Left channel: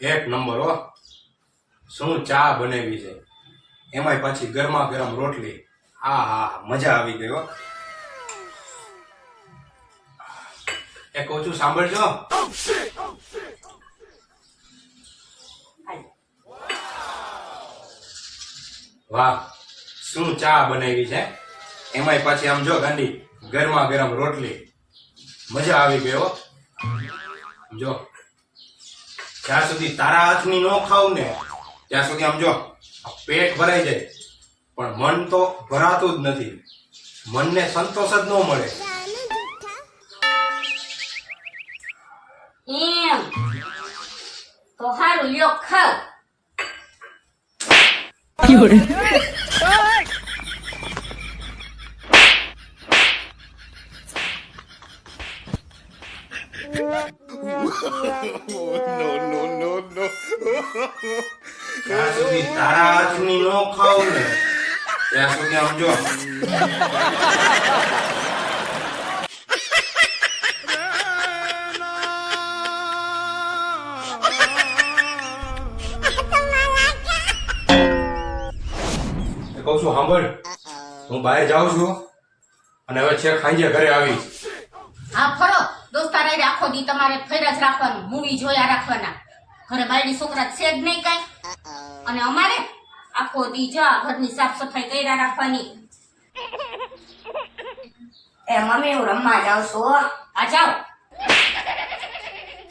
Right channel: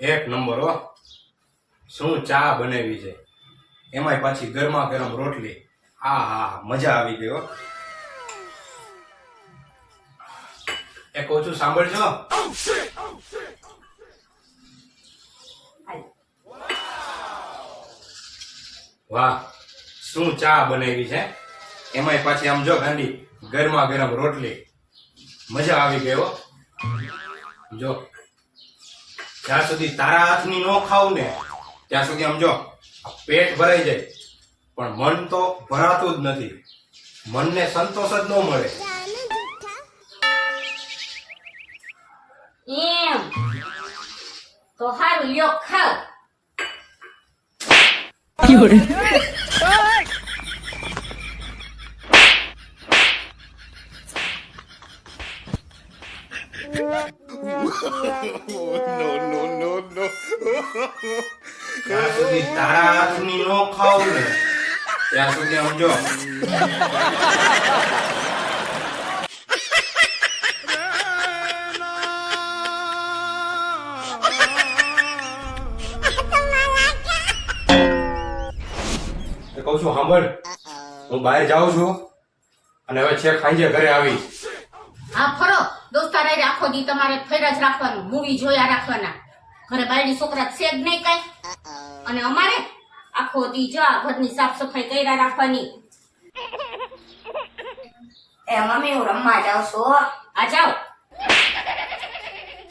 એક નંબર, હો. શું ચા બનાવી છે? એમાંય પાછી ગરમા ગરમ રોટલી. હા હા, મજા આવી ગઈ એ કહું છું સાંભળજો. વાહ, શું ચા બનાવી છે? એમાંય પાછી આમ જો ગાંડી, ગરમા ગરમ રોટલી. મજા આવી હો. જો જ્યાં સુધી તારા હાથની નો ખાવ ને ત્યાં સુધી આમ જો પેટ ભરાઈ જાય. પણ મન તો ભરાતું જ નથી. મનને સંતોષ જ ન મળે. એમ. તો હારું લ્યો ખાવ. જ્યાં સુધી તારા હાથની નો ખાવ ને ત્યાં સુધી કહું છું, સાંભળ. હું બહાર જાઉં છું અને હવે છેક સાંજે ઘરે આવીશ. હા, ફરો. દોસ્તાર આખો દી તમારે ફેરા જ રાખવાનું મૂવી જોયા રાખવાના. ઘરે બાયડી છોકરા છે જ નહીં કઈ. અને અમારે આખો દી જો ઘરની સાફ સફાઈ કર્યા રાખવાની. એ મમ્મી હું રમવા જાઉં છું. આ જાઓ.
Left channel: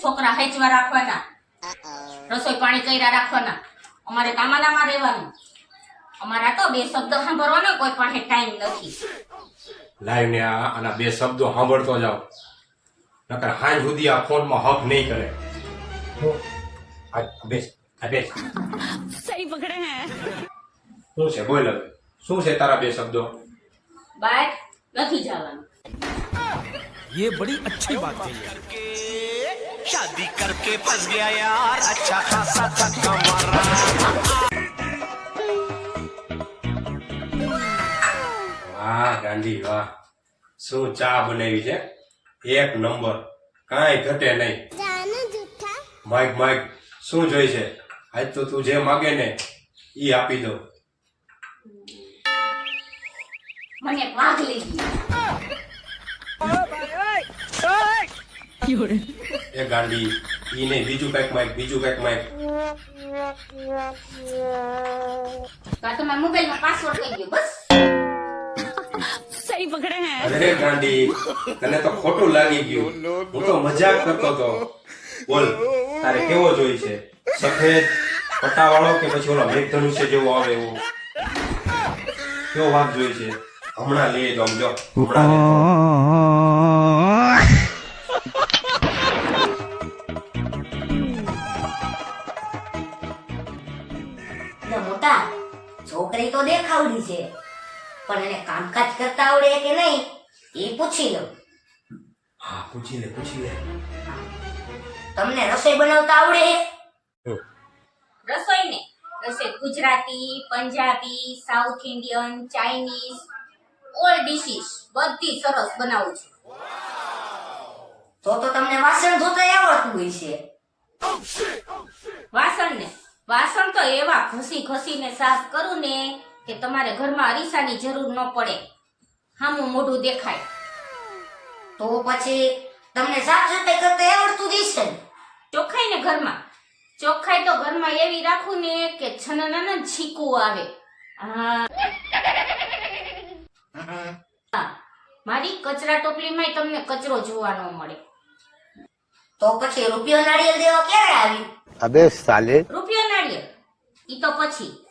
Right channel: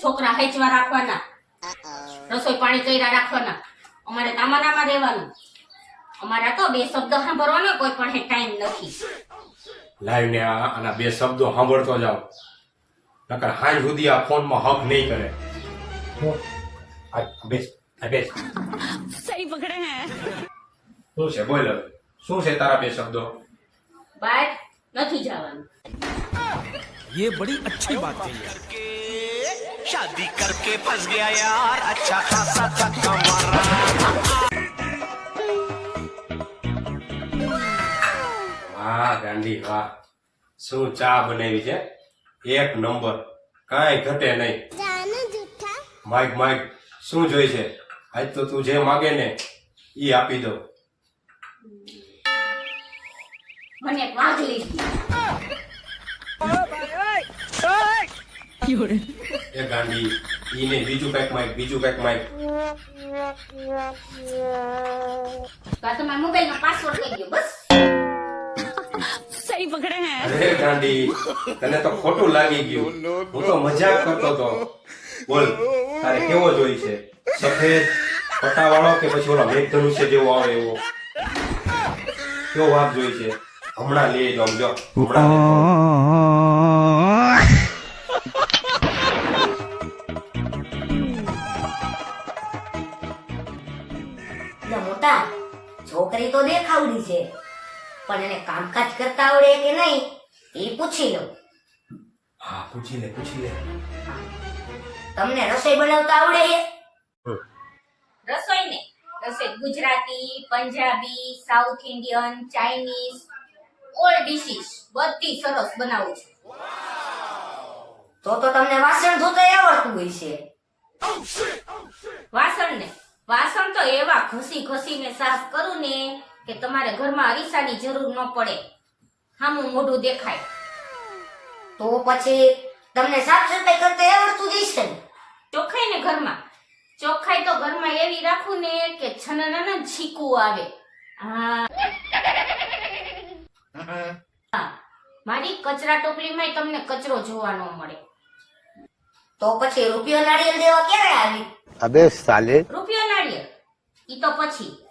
છોકરા હેચવા રાખવાના. રસોઈ પાણી કર્યા રાખવાના. અમારે કામાનામાં રહેવાનું. અમારા તો બે શબ્દ સાંભળવાનો કોઈ પાસે ટાઈમ નથી. લાઈવ ને આના બે શબ્દો સાંભળતો જાઓ. નકર હાંજ સુધી આ ફોનમાં હક નહીં કરે હું આ બેસ આ બેસ सही पकड़े हैं શું છે બોલ હવે શું છે તારા બે શબ્દો બહાર નથી જવાનું ये बड़ी अच्छी बात कही है शादी करके फंस गया यार अच्छा खासा धक्का मारा વાહ ગાંધી વાહ શું ચા બનાવી છે એક નંબર. કાંઈ ઘટે નહીં. માઈક માઈક શું જોઈ છે? આજ તો તું જે માગે ને એ આપી દો મને એ ગાંડી ઈને બીજું કંઈક માઈક બીજું કંઈક માઈક. તો આ મોબાઈલમાં પાસવર્ડ કહી દો બસ. સહી પકડે અરે ગાંડી તને તો ખોટું લાગી ગયું. હું તો મજાક કરતો તો બોલ તારે કેવો જોઈ છે? સફેદ પટાવાળો કે પછી ઓલો મેઘધનુષ્ય જેવો આવે એવો? કેવો વાત જોઈ છે? હમણાં લઈ જાઉં જો. છોકરી તો દેખાવડી છે. પણ એને કામકાજ કરતા આવડે કે નહીં એ પૂછી લો હા પૂછી લે પૂછી લે. તમને રસોઈ બનાવતા આવડે રસોઈ ને રસોઈ Gujarati Punjabi South Indian Chinese all dishes બધી સરસ બનાવું છું. તો તો તમને વાસણ ધોતા આવડતું હોય છે. વાસણ ને વાસણ તો એવા ઘસી ઘસીને સાફ કરું ને કે તમારે ઘરમાં અરીસાની જરૂર ન પડે. હામું મોઢું દેખાય. તો પછી તમને સાફ સફાઈ કરતા આવડતું જશે ચોખ્ખાઈ ને ઘરમાં. ચોખ્ખાઈ તો ઘરમાં એવી રાખું ને કે છનન છીકું આવે. હા. મારી કચરા ટોપલીમાં તમને કચરો જોવા ન મળે. તો પછી રૂપિયો નાળિયેર દેવા ક્યારે આવી? અબે સાલે. રૂપિયો નાળિયેર. ઈ તો પછી.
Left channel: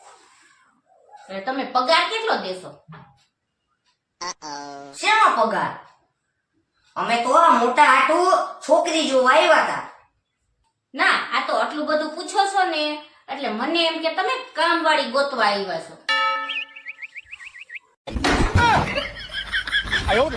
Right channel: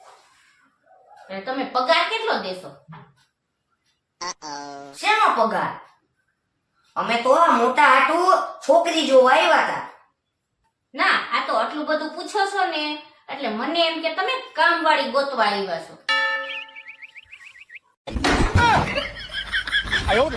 તમે પગાર કેટલો દેશો? શેનો પગાર? અમે તો મોટા આટુ છોકરી જોવા આવ્યા હતા. ના આ તો આટલું બધું પૂછો છો ને એટલે મને એમ કે તમે કામવાળી ગોતવા આવ્યા છો. આયો